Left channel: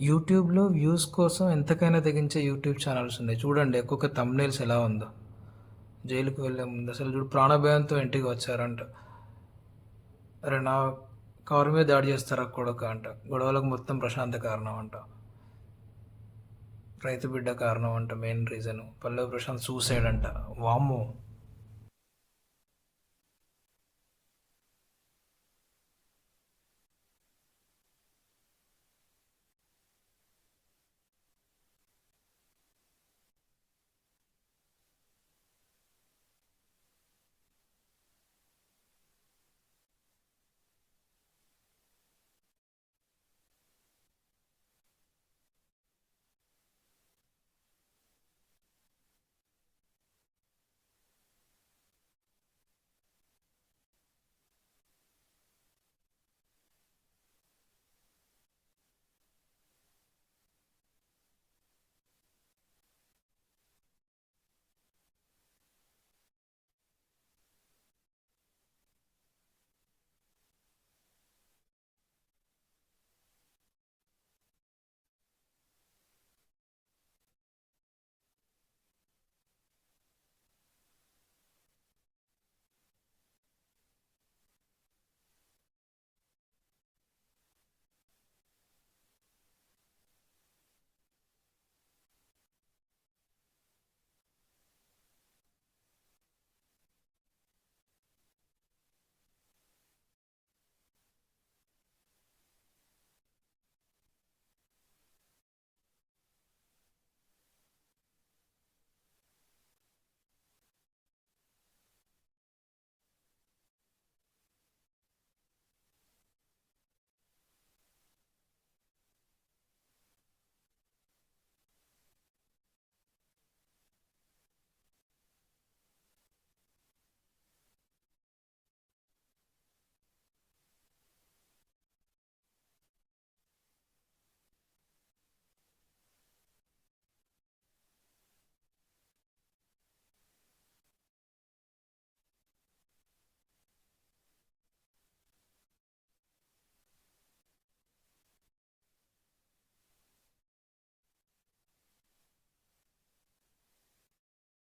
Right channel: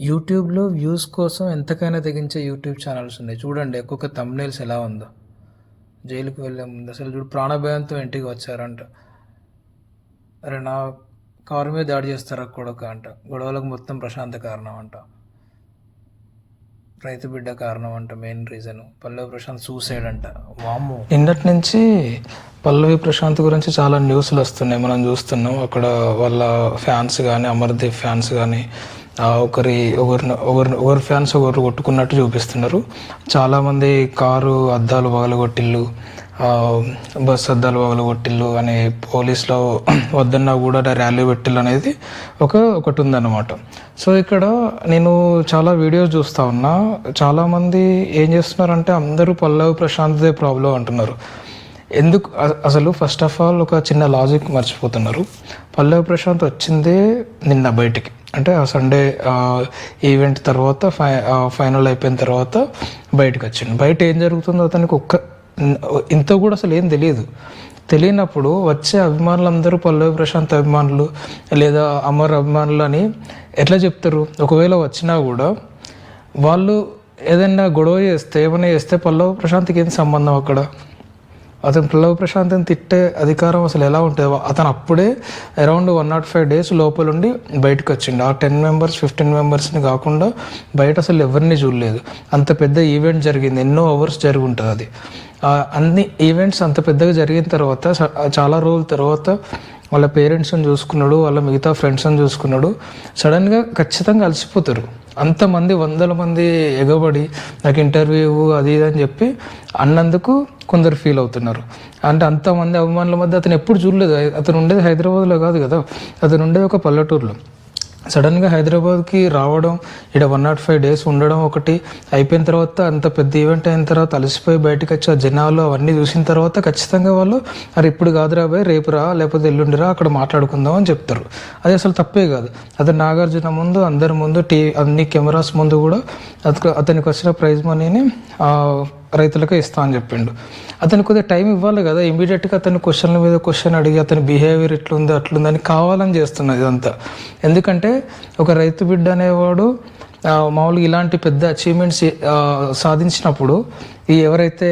యూట్యూబ్లో వ్యూస్ కోసం ఎంతకైనా తెగించే యూట్యూబ్ ఛానల్స్ ఉన్నాయి. చూడండి ఒక్కొక్క తమ్నేల్స్ ఎలా ఉందో. జైలుకి వెళ్ళే ముందు. అసలు చూడు ప్రాణభయంతో ఇంటికి వచ్చారంట. అరే నా కారు మీద దాడి చేస్తారా కొడుక అంట. గొడవలకు మొత్తం ప్రశాంత కారణం అంట. రైతు బిడ్డ కారణం అంట main reason. Pallavi Prashanth suicide అంట. వాము నిన్నటి నుంచి పల్లవి ప్రశాంత్ గురించి చాలా న్యూస్లు వస్తున్నాయి. మనం చూస్తున్నాం అక్కడ వాళ్ళ ఫ్యాన్స్ కానీ అమర్దీప్ ఫ్యాన్స్ కానీ ఒకరి ఒకరిని ఒకరిని ఒకరి ఫ్యాన్స్ ఒకరు కొట్టుకున్నట్టు చూపిస్తున్నారు. చాలామంది కారు అద్దాలు పగలగొట్టిల్లు బస్సు బస్ అద్దాలు పగలగొట్టిల్లు అని పోలీసులో వద్దన్నా కూడా ర్యాలీ పెట్టిల్లు అనేది ఒక ఒకటి ఉందన్నమాట సో ఇక్కడ నేను చాలా వీడియోస్ చూస్తా ఉన్నా. చాలామంది ఏం చేస్తున్నారంటే అందరూ పల్లవి ప్రశాంత్దే ప్రాబ్లం అంటున్నారు. ఎందుకు? అసలు ఫస్ట్ ఆఫ్ ఆల్ ఒక చిన్న లాజిక్ మర్చిపోతున్నారు. పల్లవి ప్రశాంత్ వచ్చిందే నిన్న బయటికి. అంటే ఆ సండే ఈవెంట్ తర్వాత ఫై ఫైనల్ అయిపోయిన తర్వాత బయటకు వచ్చిండు. బయట ఏం జరుగుతుందో అతనికి ఒక్క ఇంత కూడా అసలు ఏం తెలియదు. తెలియనప్పుడు వచ్చే అభిమానులందరూ పల్లవి ప్రశాంత్ అభిమానులు లేదా అమర్ అభిమానులు అని ఎట్లా చెప్తారు? ఒకవేళ వచ్చినా కూడా వాళ్ళు ఏదైనా గొడవ చేస్తే ఏమైనా చేస్తే పల్లవి ప్రశాంత్కి ఏం సంబంధం అక్కడ? అతను పిల్లవ ప్రశాంత్ని తిట్టే అధికారం అసలు ఎలా ఉంటుంది. అతను అప్పుడే around one not five days లోపలుండి బయటకు వచ్చిండు. ఆ టెన్ మెంబర్స్ ఫిఫ్టీన్ మెంబర్స్ని కాకుండా బయట అసలు ఎవరిని చూడలేదు. అంత పెద్ద ఈవెంట్ జరిగింది. ఎన్నో అవర్స్ జరిగి ఉంటుంది అది. అన్ని ఈవెంట్స్ అంత పెద్దగా జరిగిన తర్వాత చాలా రోజుల తర్వాత వాళ్ళ పేరెంట్స్ని చూసుకున్నాడు వాళ్ళ మిగతా ఫ్రెండ్స్ని చూసుకున్నాడు. సడన్గా ఖచ్చితంగా అలసిపోతారు. అంతమంది వందల మంది ఎగబడి నాకు ఇంటర్వ్యూ అది ఇది అని చెప్పి అన్నందుకు కొందరు ఫీల్ అవుతున్నారు. అంటే అంతమంది అభిమానుల మధ్య అతను ఎప్పుడు చూడలేదు. అతను ఉండేది హైదరాబాద్లో కాదు కదా. అతను ఉండేది ఒక పల్లెటూరులో. సడన్గా హైదరాబాద్కి రావడం ఇక్కడ వన్ నాట్ ఫైవ్ డేస్ ఉండడం ఒకటి అయిపోయిన తర్వాత అంత పెద్ద ఈవెంట్ అయిన తర్వాత అలసిపోయి బయటకు వచ్చి ఆ జనాలు అవన్నీ చూసిన తర్వాత ఖచ్చితంగా వాళ్ళు అరే ఇప్పుడు కాదురా బాయ్ రేపు రా లేకపోతే ఎల్లుండిరా అక్కడ మాట్లాడుకుందాం అని చెప్తారు. అది అసలు తప్పే కాదు. అతను నాగార్జున ముందు అందరి ముందు టీవీ అన్ని కెమెరాస్ ముందు కూడా అతను అతనికి వచ్చిన ప్రైజ్ మనీని రైతులకే ఇస్తా అని చెప్పిండు. అతను కొద్దిగా టైం ఇవ్వాలి కదా ఇమీడియట్గా అతను క్వశ్చన్ల మీద క్వశ్చన్ అడిగి అతని బిహేవియర్ ఇట్లుంది అట్లుందని కావాలని చేస్తున్నది ఇదంతా. ఎందుకంటే ఒక రైతు బిడ్డ అనేవాడు మామూలుగా ఇలాంటి పెద్ద అచీవ్మెంట్స్ సాధించినప్పుడు ఈ ఎవరైతే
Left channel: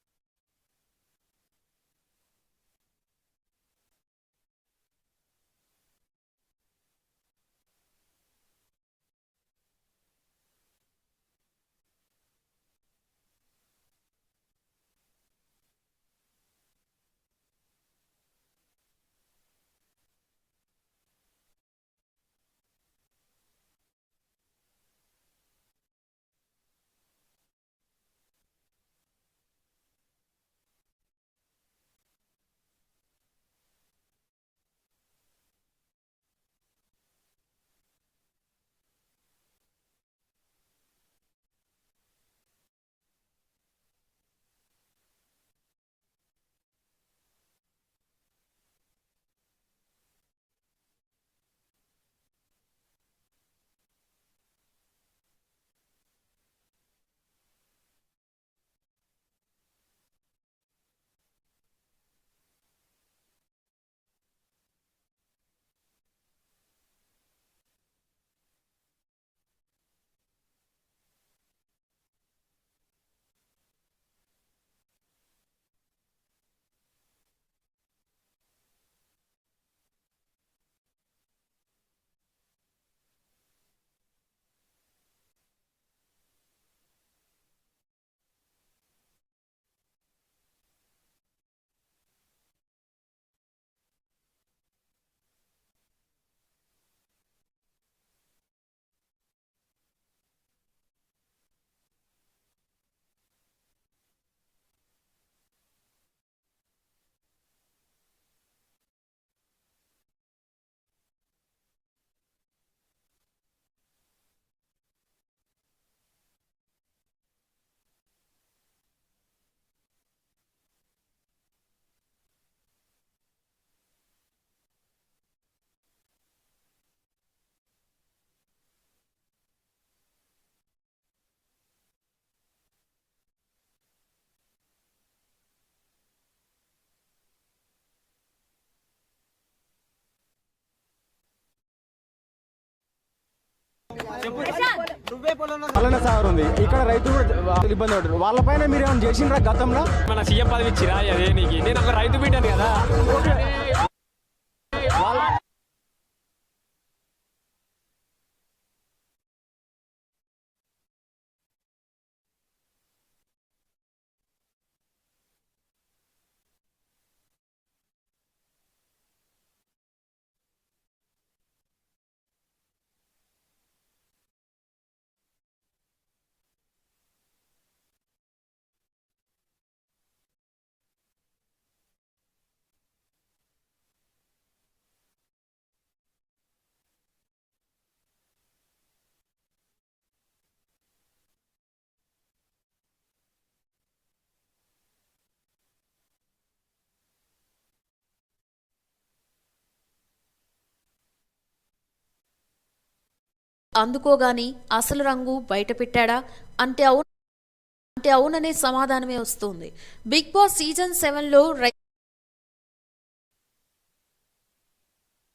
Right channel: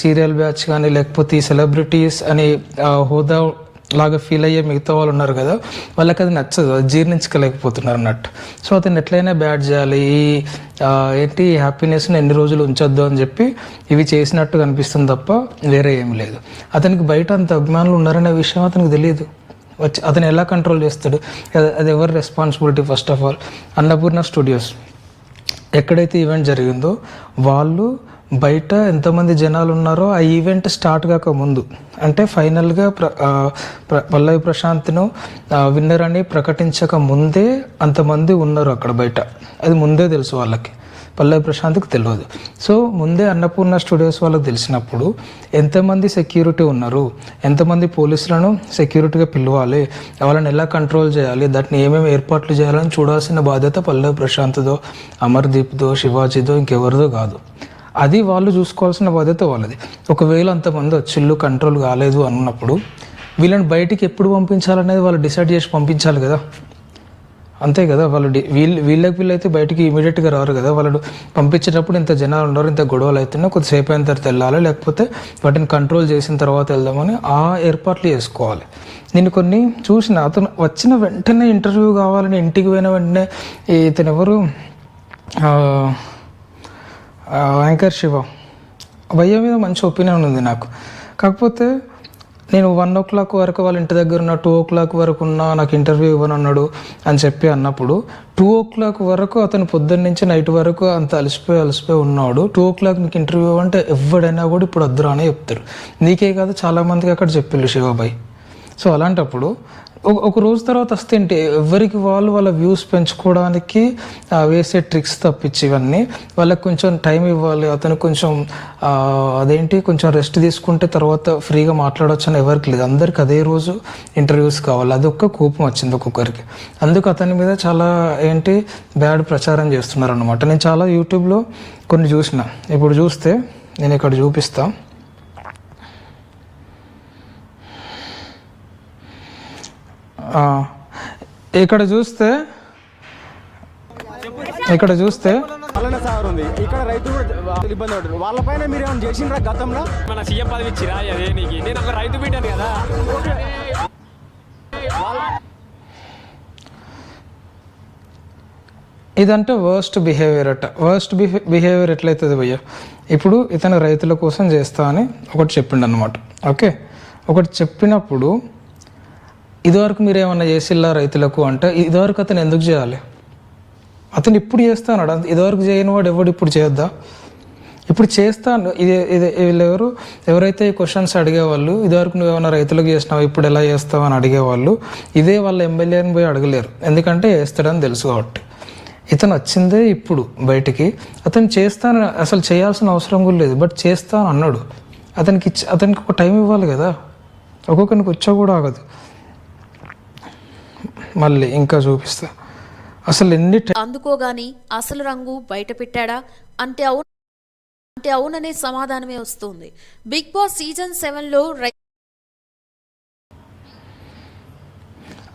సీరియల్ బ్యాచ్ కానీ లేకపోతే ఈ సెలబ్రిటీస్ అని హోదా లాగా ఫీల్ అయ్యే మిగతా వాళ్ళు ఉన్నారు కదా వాళ్ళకి అది నచ్చదు అది జీర్ణించుకోలేకపోతున్నారు అన్నట్టు. సో అతను ఎట్లయినా బ్యాడ్ చేయాలి ఈ ఏంటి హ్యాపీనెస్ని ఎన్ని రోజులు ఉంచొద్దు అని చెప్పి ఇవి చేసినట్టు కనిపిస్తుంది తప్ప వేరే ఏం లేదు. అతనికి బయట అంత అభిమానులు ఉన్నారనే విషయం అతనికి తెలియదు. వచ్చి అతను ఎలా కంట్రోల్ చేస్తాడు? అది ఎవరి responsibility first of all Annapurna studios ఎక్కడైతే ఈవెంట్ జరిగిందో వాళ్ళు బయట ఎంతమంది జనాలు ఉన్నారో ఆ ఈవెంట్ స్టార్ట్ కాక ముందు. అంటే ఫైనల్గా ప్ర పల్లవి ప్రశాంత్ను విన్నర్ అని ప్రకటించక ముందే అంతమంది ఉన్నారు అక్కడ బయట. అది ముందే తెలుసు వాళ్ళకి. పల్లవి ప్రశాంత్కి తెలియదు సో ముందే అన్నపూర్ణ స్టూడియోస్ వాళ్ళకి తెలిసినప్పుడు ఎంతమంది సెక్యూరిటీ ఉన్నారు? ఎంతమంది పోలీసులను సెక్యూరిటీగా పిలవాలి? వాళ్ళని ఎలా కంట్రోల్ చేయాలి? దాటిని ఏమేమి ఏర్పాట్లు చేయాలని చూడాల్సిన బాధ్యత పల్లవి ప్రశాంత్దో అమర్దీప్దో శివాజీదో ఇంకెవరిదో కాదు. అది వాళ్ళు చూసుకోవాల్సిన బాధ్యత వాళ్ళది. ఒకవేళ అంతమంది వచ్చిళ్ళు కంట్రోల్ కాలేదు అన్నప్పుడు వీళ్ళని బయటికి ఎప్పుడు పంపించాలనేది వాళ్ళు డిసైడ్ చేసి పంపించాలి కదా. అంతే కదా వాళ్ళు డి- వీళ్ళు వీళ్ళకి వీళ్ళైతే బయటికి ఇమీడియట్గా రారు కదా. వాళ్ళు పంపించేటప్పుడు ఇంత జనాలు ఉన్నారు ఇంత గొడవలు అవుతున్నాయి కొద్దిసేపు అయిన తర్వాత వెళ్ళాలి? లేకపోతే వాటిని కంట్రోల్ చేసిన తర్వాత వెళ్దామని ఆ ఏర్పాట్లు చేసుకోవాలి. నేను కొన్ని చూసిన అతను వచ్చిన వెంటనే ఇంటర్వ్యూ కావాలని ఇంటికి పోయిన వెంటనే ఇతను ఎవరు యాంకర్ శివ. భయ్య మీద మంచి ఒపీనియన్ ఉంది నాకు. కాకపోతే నేను వన్ ఓ క్లాక్ వరకు వాళ్ళ ఇంటి దగ్గర ఉన్న టూ ఓ క్లాక్ వరకు ఉన్న నాకు ఇంటర్వ్యూ ఇవ్వనన్నాడు అని చెప్పి అన్నప్పుడు టూ ఓ క్లాక్ వరకు అతను పొద్దున్న నుంచి నైట్ వరకు అంత అలసిపోయి అలసిపోయి ఉన్నాడు. టూ ఓ క్లాక్ నీకు ఇంటర్వ్యూ అంటే ఎవడైనా కూడా ఇప్పుడు వద్దురా అనే చెప్తారు నీకే కాదు చాలామందికి అక్కడ చెప్పిళ్ళు శివబాయ్ సో అలాంటప్పుడు ఒక- ఒక రోజు తర్వాత వస్తే ఏంటి ఎవరికి వాళ్ళు వాళ్ళ వ్యూస్ పెంచుకోవడానికి వేసే ట్రిక్స్ తప్పించి ఇవన్నీ వాళ్ళకి కొంచెం టైం ఇవ్వాలి అతను కొంచెం అదేంటి కొంచెం రెస్ట్ తీసుకుంటే తర్వాత ఫ్రీగా మాట్లాడవచ్చు అని ఎవరికి లేదు. అందరికి అదే రోజు ఇంటర్వ్యూస్ కావాలి. అది ఒక్క కోపం వచ్చింది ఒక్కొక్కరికి. అందుకు అతని మీద చాలా ఏంటి బ్యాడ్ ప్రచారం చేస్తున్నారు అనమాట నేను చాలా యూట్యూబ్లో కొన్ని చూసిన. ఇప్పుడు చూస్తే నేను ఇక్కడ చూపిస్తాను ఇక్కడ చూస్తే ఇక్కడ చూస్తే సాగర్ ఉంది. ఇక్కడ రైతులు కూడా ఇబ్బంది పడుతున్నారు వాళ్ళపైన మీరు ఏమైనా చేసిండ్రా గతంలో? మన సీఎం పదవి ఇచ్చిరా అదే నీకు. నేను ఒక రైతు బిడ్డను కదా. ఇదంటే వర్స్ట్ బిహేవియర్ అట. వర్స్ట్ బిహేవియర్ ఎట్లయితుంది భయ్య? ఇప్పుడు ఇతను రైతుల కోసం చేస్తా అని ఒకటి చెప్పిండు అనమాట ఓకే? ఒకటి చెప్పినప్పుడు ఇదివరకు మీరు ఏమన్నా చేసిల్లా రైతులకు అంటే ఇదివరకు అతను ఎందుకు చేయాలి? అతను ఇప్పుడు చేస్తాడు ఇదివరకు చేయని వాడు ఎవడు ఇప్పుడు చేద్దా ఇప్పుడు చేస్తాను ఇది ఇది వీళ్ళెవరు? ఎవరైతే ఈ క్వశ్చన్స్ అడిగేవాళ్ళు ఇదివరకు నువ్వు ఏమైనా రైతులకు చేసినావు ఇప్పుడు ఎలా చేస్తావు అని అడిగేవాళ్ళు ఇదే వాళ్ళ ఎమ్మెల్యేని పోయి అడగలేరు. ఎందుకంటే వేస్తాడని తెలుసు కాబట్టి. ఇతను వచ్చిందే ఇప్పుడు బయటికి. అతను చేస్తాను అసలు చేయాల్సిన అవసరం కూడా లేదు. బట్ చేస్తాను అన్నాడు అతనికి అతనికి ఒక టైం ఇవ్వాలి కదా. ఒక్కొక్కరికి వచ్చా కూడా ఆగదు. మళ్ళీ ఇంకా చూపిస్తా. అసలు ఎన్ని అందుకోగాని అసలు రంగు బయట పెట్టాడా అంటే అవును అంటే అవుననే సమాధానమే వస్తుంది. బిగ్ బాస్ సీజన్ సెవెన్లో రై-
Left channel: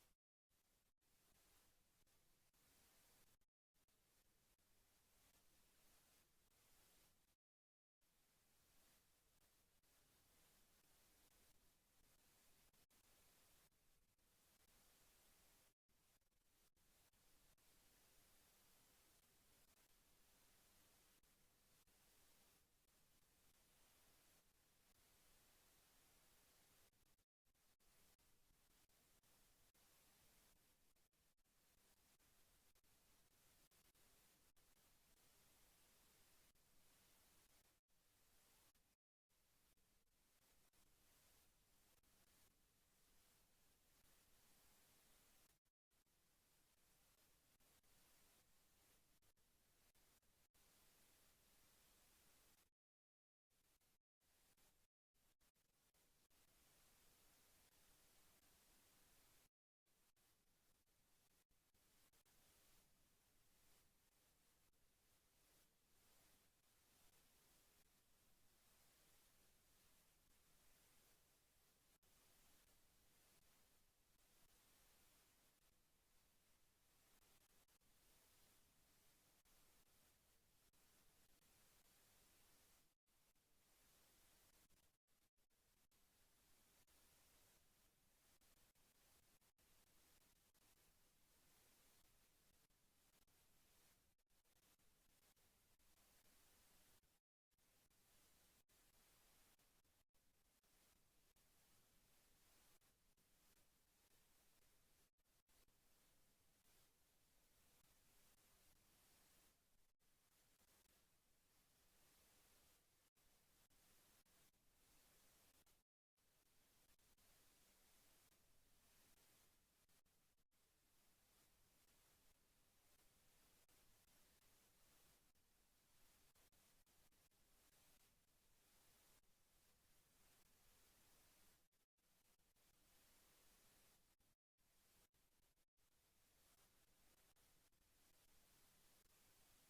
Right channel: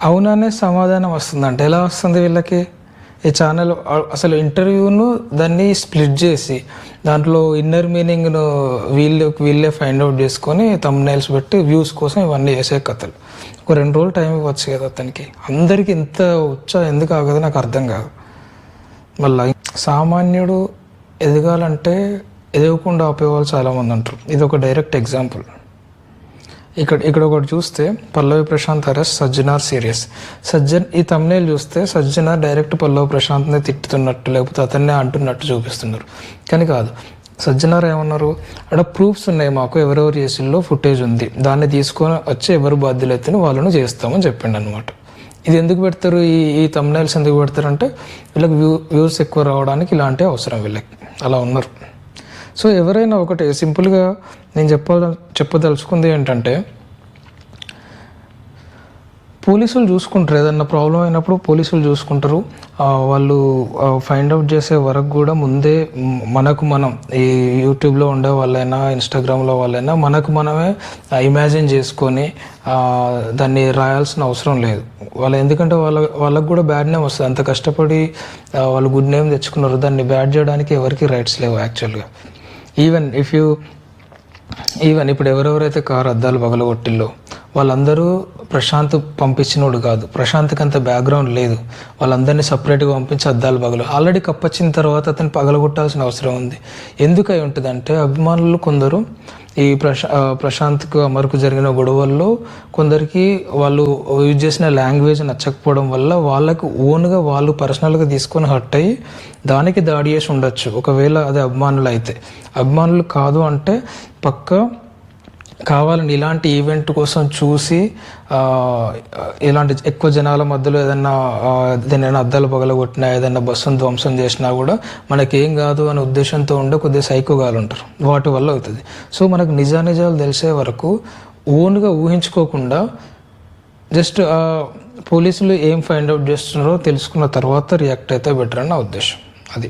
అవుననే సమాధానం వస్తుందంటే ఎలా వస్తుంది వీళ్ళకి? ఈ ఛానల్ అసలు ఇంటర్వ్యూను దాన్ని స్ప్లిట్ చేసి దాంట్లో ఇన్నర్ మీనింగ్ను వీళ్ళు వీళ్ళే ఫైండ్ అవుట్ చేసుకొని తమ్నైల్స్ పెట్టి వ్యూస్ కోసం ఇవన్నీ చేసే కథలు. ఒక రెండు రోజులు టైం ఇవ్వచ్చు కదా అతనికి. అందరికి ఇంత ఉత్సాహం ఎందుకు ఆగదు నాకు అర్థం కాదు. మళ్ళీ సామాన్యుడు ఎదగాలంటే ఎదగకుండా ఆపేవాళ్ళు చాలామంది అంటారు ఇది ఒక డైరెక్ట్ ఎగ్జాంపుల్ ఇక్కడ ఇక్కడ ఒకటి చూస్తే పల్లవి ప్రశాంత్ అరెస్ట్ సజ్జనార్ సీరియస్. సజ్జన్ ఈ తమ్నేల్ చూస్తే సజ్జనార్ డైరెక్ట్ పల్లవి ప్రశాంత్ని తిట్టుతున్నట్టు లేకపోతే అతన్నే అంటున్నట్టు చూపిస్తున్నారు. కానీ కాదు. సజ్జనార్ ఏమన్నారు? అక్కడ ప్రూఫ్స్ ఉన్నాయి మాకు ఎవరెవరు చేసిల్లో ఫుటేజ్ ఉంది. దాన్ని తీసుకొని వచ్చి ఎవరు బాధ్యులైతే వాళ్ళను చేస్తామని చెప్పిండు అనమాట ఇది ఎందుకు పెడతారు? ఈ ఈ తమ్నైల్స్ ఎందుకు పెడతారంటే వీళ్ళకి వ్యూ వ్యూస్ ఎక్కువ రావడానికి ఇలాంటి అవసరం వీళ్ళకి. అలా ఉన్నారు. సో ఎవరైనా ఒకటి సింపుల్గా నేను చెప్ప చెప్పదలుచుకుంది ఏంటంటే పోలీసులు చూసుకుంటారు. ఏదన్నా ప్రాబ్లం అయినప్పుడు పోలీసులు చూసుకుంటారు. వాళ్ళు ఫైండ్ అవుట్ చేసే వరకు కూడా ముందే మనకు మనం ఈ యూట్యూబ్లో ఉండే వాళ్ళైనా ఇన్స్టాగ్రామ్లో వాళ్ళైనా మనకు మనమే ఇమాజిన్ చేసుకొని దాన్ని రాయాల్సిన అవసరం లేదు. వాళ్ళు ఎందుకంటే వాళ్ళ వాళ్ళకు కూడా బ్యాడ్ నేమ్ వస్తుంది. అంత కష్టపడి వాళ్ళు గుడ్ నేమ్ తెచ్చుకున్నారు. దాన్ని బ్యాడ్ చేయడానికి ఎవరికి రైట్స్ లేవు యాక్చువల్గా. ఈవెన్ ఇఫ్ యూ ఈవెన్ ఇప్పుడు ఎవరెవరైతే కారు అద్దాలు పగలగొట్టిల్లో వాళ్ళందరూ ప్రశాంత్ పంపించినోడు కాదు. ప్రశాంత్కి అంత బ్యాక్గ్రౌండ్ లేదు. వాళ్ళందరినీ సపరేట్గా పంపించి అద్దాలు పగలు. ఆల్రెడీ కప్పొచ్చిన తర్వాత అతను పగలగొట్టాల్సిన అవసరం ఉంది. ఎందుకు అయి ఉంటుందంటే అభిమానులు కొందరు ఈ ప్రశా ప్రశాంత్కు అమర్కు జరిగిన గొడవల్లో కొందరికి వాళ్ళు యూజ్ చేసిన లాంగ్వేజ్ నచ్చకపోవడం వల్ల వాళ్ళకు ఓన్గా వాళ్ళు పర్సనల్గా తీసుకొని హర్ట్ అయ్యి దానికి దాడి చేసి ఉండొచ్చు. ఒకవేళ అది అభిమానులు అయితే అభిమానులు కాదు అంటే పక్క కావాలని ఇలాంటి ఈవెంట్ కోసం చూసి ఇలాంటి ఎక్కువ జనాల మధ్యలో ఏదైనా ఆ, అద్దాలు పగలగొట్టినా ఏదైనా బస్సును ధ్వంసం చేసినా కూడా మనకేం కాదు అనే ఉద్దేశంతో ఉండే కొద్దిగా సైకోగాలు ఉంటారు. వాటి వల్ల అవుతుంది. సో మనకు నిజానిజాలు తెలిసే వరకు ఓన్గా ఊహించుకోకుండా జస్ట్ పోలీసులు ఏం ఫైండ్ అవుట్ చేస్తున్నారో తెలుసుకున్న తర్వాత రియాక్ట్ అయితే బెటర్ అని నా ఉద్దేశం. అది.